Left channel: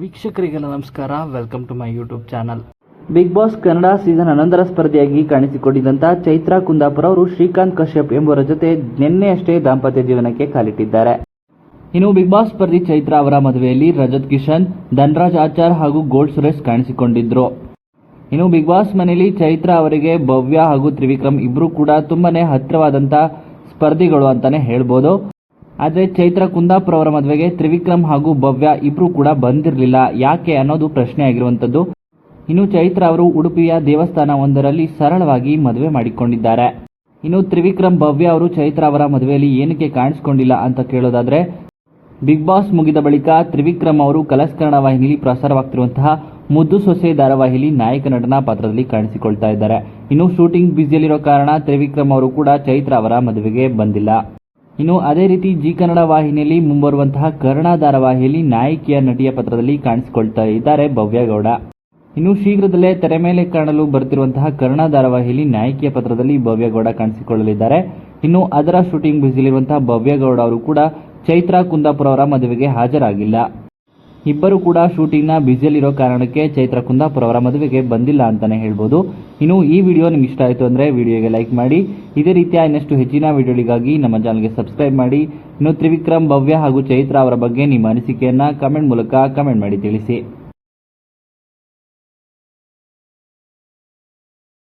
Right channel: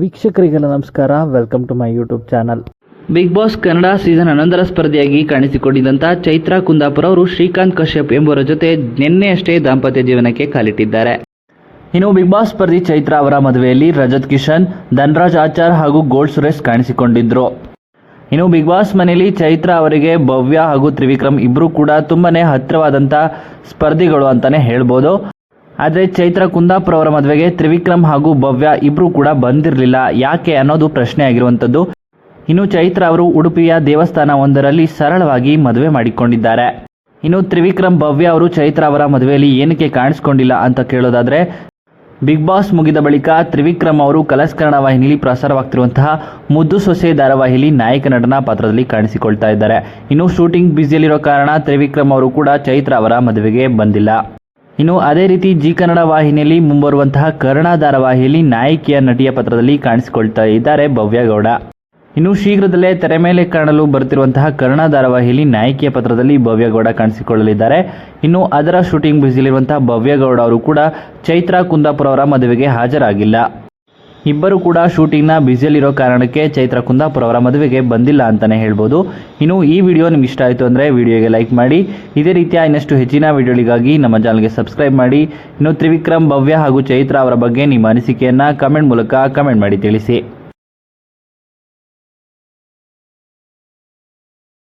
ವೀಕ್ಷಕರಿಗೆಲ್ಲ ನಮಸ್ಕಾರ. Welcome to my YouTube channel Bigg Boss Kannada season ಹನ್ನೊಂದರ ಸ್ಪರ್ಧೆಯಾಗಿ ಕಾಣಿಸಿಕೊಂಡಿದ್ದಂಥ ಚೈತ್ರಾ ಕುಂದಾಪುರ ಅವರು ಶ್ರೀಕಾಂತ್ ಕಶ್ಯಪ್ ಎಂಬುವರ ಜೊತೆ ನಿನ್ನೆಯಷ್ಟೇ ದಾಂಪತ್ಯ ಜೀವನಕ್ಕೆ ಕಾಲಿಟ್ಟಿದ್ದಾರೆ. ಇನ್ನು ಬಿಗ್ ಬಾಸ್ ಸ್ಪರ್ಧಿ ಚೈತ್ರಾ ಅವರ ಮದುವೆಯಲ್ಲಿ ರಜತ್ ಕಿಶನ್, ಧನ್ರಾಜ್ ಆಚಾರ್ ಹಾಗೂ ಗೋಲ್ಡ್ ಸುರೇಶ್ ಕಾಣಿಸಿಕೊಂಡಿದ್ರು. ಇನ್ನು ಬಿಗ್ ಬಾಸ್ ಮನೆಯಲ್ಲಿ ಚೈತ್ರಾ ಅವರಿಗೆ ಭವ್ಯ ಹಾಗೂ ತ್ರಿವಿಕ್ರಮ್ ಇಬ್ಬರೂ ಕೂಡ ತುಂಬಾನೇ ಹತ್ತಿರವಾದಂಥ ಸ್ಪರ್ಧಿಗಳು ಅಂತಾನೆ ಹೇಳ್ಬೋದು. ಆದರೆ ಚೈತ್ರ ಕುಂದಾಪುರ ಅವರ ಮದುವೆಗೆ ತ್ರಿವಿಕ್ರಮ್ ಹಾಗೂ ಭವ್ಯ ಇಬ್ಬರೂ ಕೂಡ ಬಂದಿರಲಿಲ್ಲ. ಯಾಕೆ ಅನ್ನೋದು ಪ್ರಶ್ನೆ ಆಗಿರುವಂಥದ್ದು. ಇನ್ನು ಚೈತ್ರ ಅವರು ಉಡುಪಿಯ ದೇವಸ್ಥಾನ ಒಂದರಲ್ಲಿ ಸರಳವಾಗಿ ಮದುವೆ ಮಾಡಿಕೊಂಡಿದ್ದಾರೆ. ಇನ್ನು ತ್ರಿವಿಕ್ರಮ್, ಭವ್ಯ ಅವರು ಚೈತ್ರ ಅವರ ಮದುವೆಯಲ್ಲಿ ಏನಕ್ಕೆ ಕಾಣಿಸ್ಕೊಂಡಿಲ್ಲ ಅಂತ ಕೇಳೋದಾದರೆ, ಬಿಗ್ ಬಾಸ್ ಮುಗಿದ ಬಳಿಕ ತ್ರಿವಿಕ್ರಮ್ ಅವರು ಕಲಸ್ಕರಣ ವಾಹಿನಿಯಲ್ಲಿ ಪ್ರಸಾರವಾಗ್ತಿರುವಂತಹ ಮುದ್ದು ಸೊಸೆ ಧಾರಾವಾಹಿಯಲ್ಲಿ ನಾಯಕ ನಟನ ಪಾತ್ರದಲ್ಲಿ ಕಾಣಿಸಿಕೊಳ್ತಾ ಇದ್ದಾರೆ. ಇನ್ನು ಶೂಟಿಂಗ್ ಬ್ಯುಸಿಯಲ್ಲಿರೋ ಕಾರಣ ತ್ರಿವಿಕ್ರಮ್ ಅವರು ಕೂಡ ಚೈತ್ರ ಅವರ ಮದುವೆಗೆ ಬಂದಿಲ್ಲ. ಇನ್ನು ಅದೇ ರೀತಿ ಜಿ ಕನ್ನಡ ವಾಹಿನಿಯಲ್ಲಿ ಮುಂಬರುವಂತಹ ಕರ್ಣ ಧಾರಾವಾಹಿಯಲ್ಲಿ ನಾಯಕಿಯ ನಟಿಯ ಪತ್ರದಲ್ಲಿ ಕಾಣಿಸಿಕೊಳ್ತಾ ಇದ್ದಾರೆ ಭವ್ಯ ಗೌಡ. ಇನ್ನು ಶೀಘ್ರದಲ್ಲೇ ತೆರೆ ಮೇಲೆ ಕಾಣಲು ಬರುತ್ತಿರುವಂತಹ ಕರ್ಣ ಧಾರಾವಾಹಿಯಲ್ಲಿ ನಾಯಕಿಯ ಪತ್ರದಲ್ಲಿ ಭವ್ಯಗೌಡ ಕಾಣಿಸಿಕೊಳ್ಳಲಿದ್ದಾರೆ. ಇನ್ನು ಅದರ ಶೂಟಿಂಗ್ ಬ್ಯುಸಿಲಿರುವಂತಹ ಭವ್ಯಗೌಡ ಅವರು ಕೂಡ ಚೈತ್ರಾ ಕುಂದಾಪುರ ಅವರ ಮದುವೆಗೆ ಹಾಜರಾಗಿಲ್ಲ. ಇಬ್ಬರು ಕೂಡ ಶೂಟಿಂಗ್ನ ಬ್ಯುಸಿಯಲ್ಲಿರೋ ಕಾರಣಕ್ಕೆ ಚೈತ್ರ ಕುಂದಾಪುರ ಅವರ ಮದುವೆಗೆ ಬಂದಿಲ್ಲ ಅಂತಲೇ ಹೇಳ್ಬೋದು. ಇನ್ನು ಈ ವಿಡಿಯೋ ನಿಮ್ಗೆ ಇಷ್ಟ ಆಯಿತು ಅಂದರೆ ವಿಡಿಯೋಗೆ ಲೈಕ್ ಮಾಡಿ. ಇದೇ ರೀತಿಯ ಇನ್ನಷ್ಟು ಹೆಚ್ಚಿನ ವಿಡಿಯೋಗಳಿಗಾಗಿ ನಮ್ಮ ಚಾನಲ್ಗೆ ಸಬ್ಸ್ಕ್ರೈಬ್ ಮಾಡಿ. ಇನ್ನು ತ್ರಿವಿಕ್ರಮ್ ಭವ್ಯ ಹಾಗೂ ಚೈತ್ರ ಅವರ ಬಗ್ಗೆ ನಿಮ್ಮ ಅನಿಸಿಕೆಯನ್ನು ಕಮೆಂಟ್ ಮೂಲಕ ಕಮೆಂಟ್ ಮಾಡಿ ತಿಳಿಸಿ.